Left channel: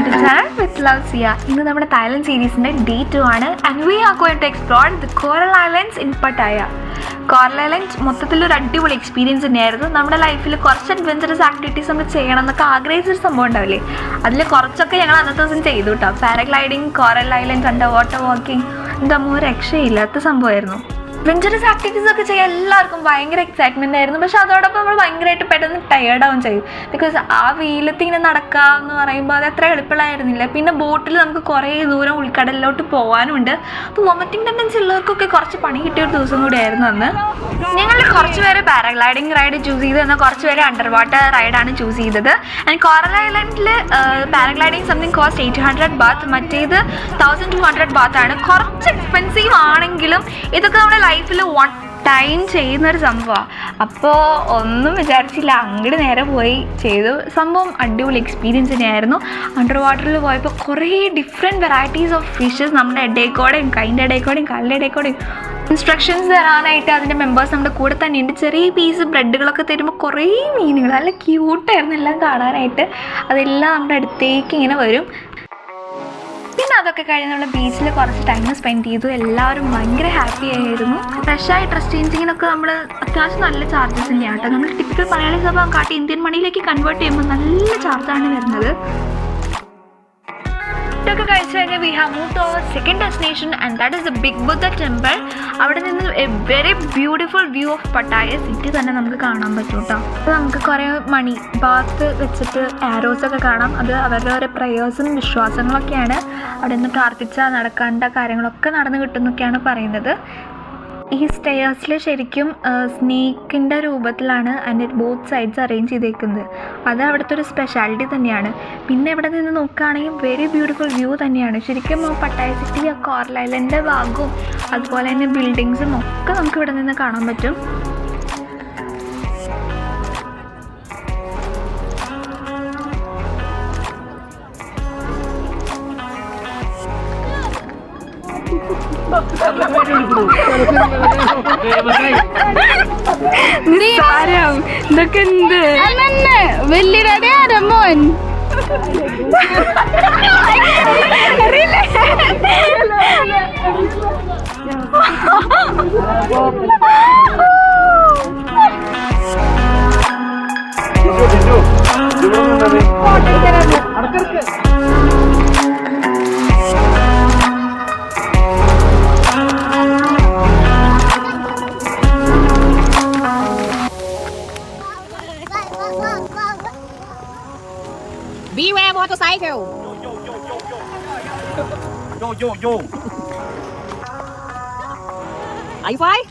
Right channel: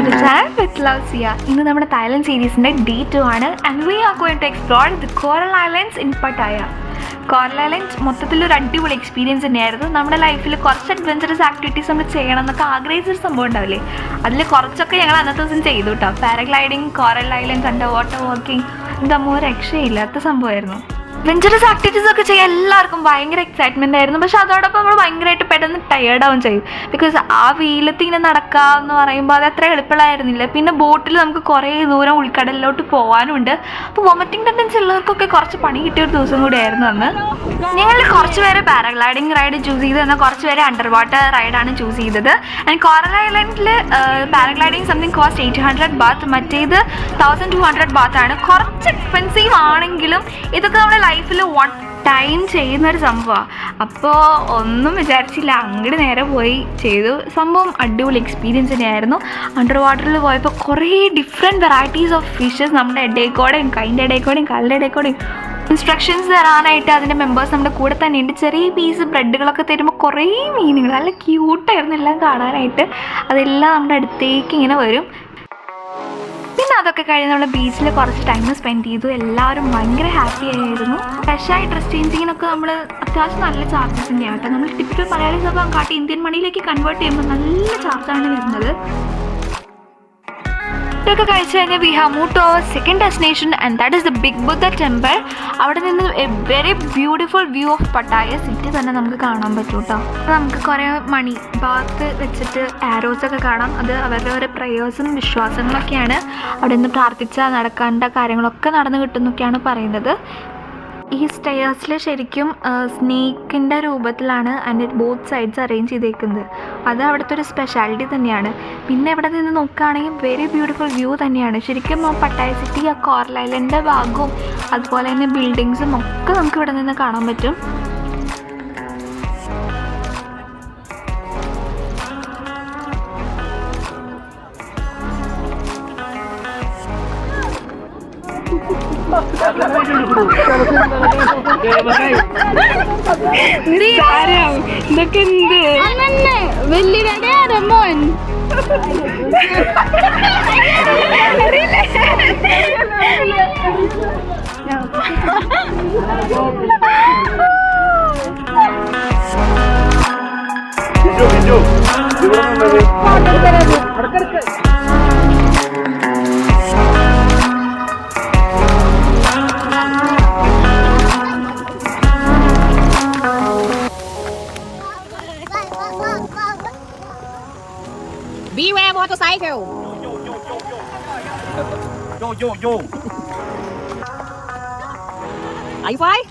to the channel with Love Sia. ഇന്ന് നമ്മുടെ Thailand സീരീസിന്റെ Day 2 ആണ് and we are going to explore the Coral Islands in Pattaya. Coral islands മൊത്തത്തിലൊരു അടിപൊളി experience തന്നെയായിരുന്നു. നമ്മുടെ ലൈഫിൽ കുറച്ച് അഡ്വഞ്ചറസ് ആക്ടിവിറ്റീസ് നമ്മൾ ചെയ്യണം എന്നൊക്കെ ആഗ്രഹിച്ചൊരു സംഭവം ഉണ്ടാവില്ലേ, അതിൽ കുറച്ചൊക്കെ ഞങ്ങൾ അന്നത്തെ ദിവസം ചെയ്തു കേട്ടോ. Paragliding, coral islands, under water walking, എന്താ രക്ഷയില്ലാത്ത സംഭവമായിരുന്നു. അഡ്വഞ്ചറസ് ആക്ടിവിറ്റീസ് ഒക്കെ ചെയ്യാൻ എല്ലാവർക്കും ഭയങ്കര എക്സൈറ്റ്മെൻ്റ് ആയിരുന്നു. പക്ഷെ അതോടൊപ്പം നമ്മൾ ഭയങ്കരമായിട്ട് പെട്ടെന്ന് ടയേർഡാവും ചെയ്യും. ബിക്കോസ് ആ വെയിലത്ത് ഇങ്ങനെ നടക്കുക എന്ന് പറയുമ്പോൾ അത് അത്ര എളുപ്പമായിരുന്നില്ല. പിന്നെ ബോട്ടിൽ നമുക്ക് കുറേ ദൂരം ഉൾക്കടലിലോട്ട് പോകാനുണ്ട്. അപ്പോൾ വോമിറ്റിംഗ് ടെൻഡൻസി ഉള്ളവർക്കൊക്കെ കുറച്ച് പണി കിട്ടിയ ഒരു ദിവസം കൂടി ആയിരുന്നു അന്ന്. ഞങ്ങൾ കുറച്ച് പേര് പാരഗ്ലൈഡിങ് റൈഡ് ചൂസ് ചെയ്തു, എന്നാൽ കുറച്ച് പേര് അണ്ടർ വാട്ടർ റൈഡാണ് ചൂസ് ചെയ്തത്. ആൻഡ് കോറൽ ഐലൻഡിൽ പാരഗ്ലൈഡിങ് സംതിങ് കോസ്റ്റ് 800 baht, മറ്റേത് 1200 baht ആണ്. കുറച്ച് എക്സ്പെൻസീവ് ആണെങ്കിലും ഇതൊക്കെ നമ്മുടെ ലൈഫിൽ വൺ ടൈം ചെയ്യുന്നൊരു സംഭവമാണ്. അപ്പോൾ ഒന്നും വിചാരിച്ചില്ല, അങ്ങോട്ട് നേരെ പോയി ചെയ്തു. സംഭവം അടിപൊളി എക്സ്പീരിയൻസ് തന്നെയായിരുന്നു. അണ്ടർ വാട്ടറിൽ പോയപ്പോൾ കുറേ ഡിഫറെൻറ്റ് വെറൈറ്റീസ് ഓഫ് ഫിഷസ് നമ്മുടെ ഇടയിൽക്കൂടെയും കൈൻ്റെ ഇടയിൽക്കൂടെയും കാലിൻ്റെ ഇടയിൽക്കൂടെയും ഇൻസ്ട്രക്ഷൻസ് തരാനായിട്ട് അതിൻ്റെ മെമ്പേഴ്സ് നമ്മുടെ കൂടെ തന്നെ ഉണ്ട്. ചെറിയ പീസ് ബ്രെഡുകളൊക്കെ തരുമ്പോൾ കുറേ മീനുകൾ നല്ല ക്യൂട്ടായിരുന്നു എല്ലാം കാണാനായിട്ട്. അതെല്ലാം നമ്മുടെ അടുത്തേക്ക് ഇങ്ങനെ വരും. പിന്നെ അതൊക്കെ കഴിഞ്ഞ് നമ്മൾ ബീച്ചിൽ കുറച്ച് ടൈം സ്പെൻഡ് ചെയ്തു. എല്ലാവരും ഭയങ്കര ഹാപ്പി ആയിരുന്നു. ഫ്രഷായി ഡ്രസ് ചേഞ്ചിങ്ങിനൊക്കെ നമ്മൾ അത്യാവശ്യം നല്ല ചാർജസ് തന്നെയാണ് കേട്ടോ. നമ്മൾ ടിപ്പിക്കൽ മലയാളി സഭ കാട്ടി ഇന്ത്യൻ മണിയിലേക്ക് കൺവേർട്ട് ചെയ്യുമ്പോൾ നല്ല ചാർജാണ് വരുന്നത്. ഒക്കെ കഴിച്ച് കഴിഞ്ഞാൽ we have move to our second destination and that is the big Buddha temple. അവിടെ നിന്ന് a very beautiful view of Pattaya city തന്നെ നമുക്ക് കാണാൻ പറ്റും കേട്ടോ. നമുക്ക് കുറേ മണി ഭാഗത്ത് വെച്ചിട്ട് ആരോസൊക്കെ കാണാം. അത് അവരുടെ ഓരോ പ്രയേഴ്സും വിശ്വാസങ്ങളൊക്കെയാണ്. അവിടെ നിന്ന് പ്രാർത്ഥിച്ചാൽ നടക്കേണ്ട കാര്യങ്ങളൊക്കെ നടന്നു കിട്ടുന്നൊക്കെയാണ് പറയുന്നത്. ഈ സ്റ്റെയേഴ്സിൽ ശരിക്കും സ്നേക്കിൻ്റെ രൂപത്തിലാണ് അതിൻ്റെ ബോത്ത് സൈഡ്സ് അറേഞ്ച് ചെയ്തേക്കുന്നത്. അത് അവിടുത്തെ ഒരു സ്പെഷ്യാലിറ്റി തന്നെയാണ്. പിന്നെ ഇവിടെ നിന്ന് നോക്കുകയാണെങ്കിൽ വെരി ബ്യൂട്ടിഫുൾ വ്യൂ തന്നെയാണ്. ശരിക്കും പട്ടായ സിറ്റി, ആ കോറൽ ഐലൻഡിൻ്റെ ഭാഗവും അതുപോലെ തന്നെ ബിൽഡിങ്സും ഒക്കെ നമുക്ക് ഇവിടെ നിന്ന് കാണാൻ പറ്റും. ഇതൊക്കെ എന്ത് വലിയ രമോൻ Beware motorcycle. Yo. Are you fine?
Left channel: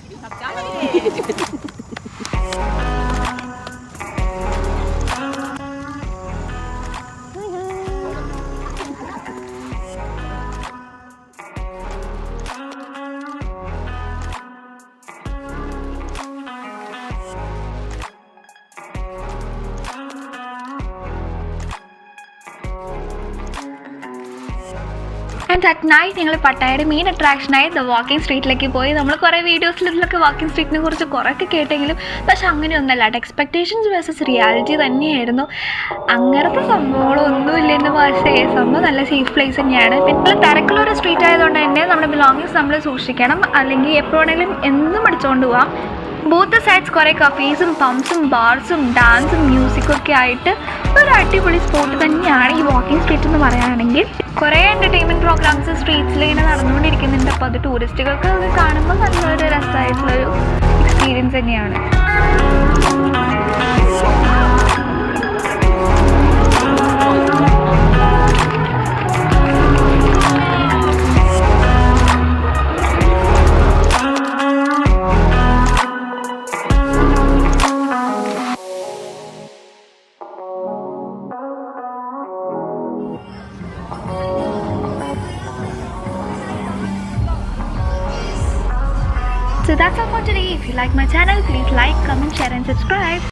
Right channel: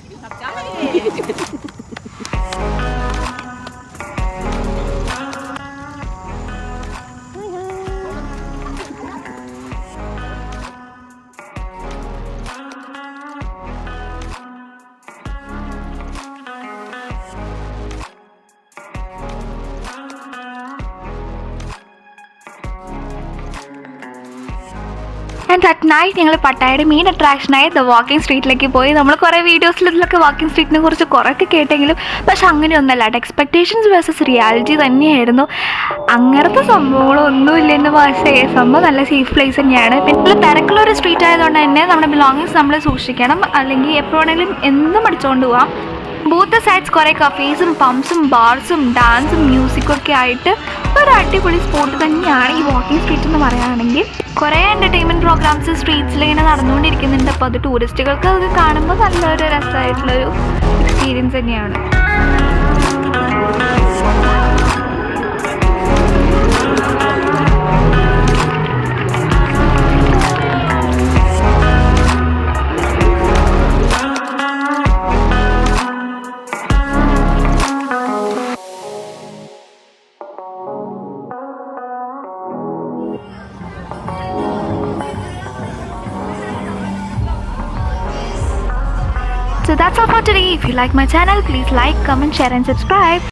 And at night ഞങ്ങൾ പട്ടായയുടെ മെയിൻ അട്രാക്ഷനായ ദ വാക്കിംഗ് സ്ട്രീറ്റിലേക്ക് പോയി. നമ്മൾ കുറേ വീഡിയോസിൽ ഇതിലൊക്കെ വാക്കിംഗ് സ്ട്രീറ്റിനെ കുറിച്ച് കുറേയൊക്കെ കേട്ടെങ്കിലും പക്ഷെ അങ്ങനെയൊന്നുമല്ല. എക്സ്പെക്റ്റേഷൻസ് വേഴ്സസ് റിയാലിറ്റി തന്നെയായിരുന്നു. അങ്ങനത്തെ സംഭവങ്ങളൊന്നുമില്ലെന്ന് സംഭവം നല്ല സേഫ് പ്ലേസ് തന്നെയാണ്. പിന്നെ തിരക്കുള്ളൊരു സ്ട്രീറ്റ് ആയതുകൊണ്ട് തന്നെ നമ്മുടെ ബിലോങ്ങിങ്സ് നമ്മൾ സൂക്ഷിക്കണം, അല്ലെങ്കിൽ എപ്പോഴാണെങ്കിലും എന്തും അടിച്ചുകൊണ്ട് പോവാം. ബോത്ത് സൈഡ്സ് കുറേ കഫേസും പബ്സും ബാർസും ഡാൻസും മ്യൂസിക്കും ഒക്കെ ആയിട്ട് ഒരു അടിപൊളി സ്പോട്ട് തന്നെയാണ് ഈ വാക്കിംഗ് സ്ട്രീറ്റ് എന്ന് പറയുകയാണെങ്കിൽ. കുറേ എൻ്റർടൈൻമെൻറ്റ് പ്രോഗ്രാംസ് സ്ട്രീറ്റ്സിൽ ഇങ്ങനെ നടന്നുകൊണ്ടിരിക്കുന്നുണ്ട്. അപ്പോൾ അത് ടൂറിസ്റ്റുകൾക്ക് അത് കാണുമ്പോൾ നല്ലൊരു രസമായിട്ടുള്ളൊരു എക്സ്പീരിയൻസ് തന്നെയാണ്. So that's all for today. If you like my channel, please like, comment, share and subscribe.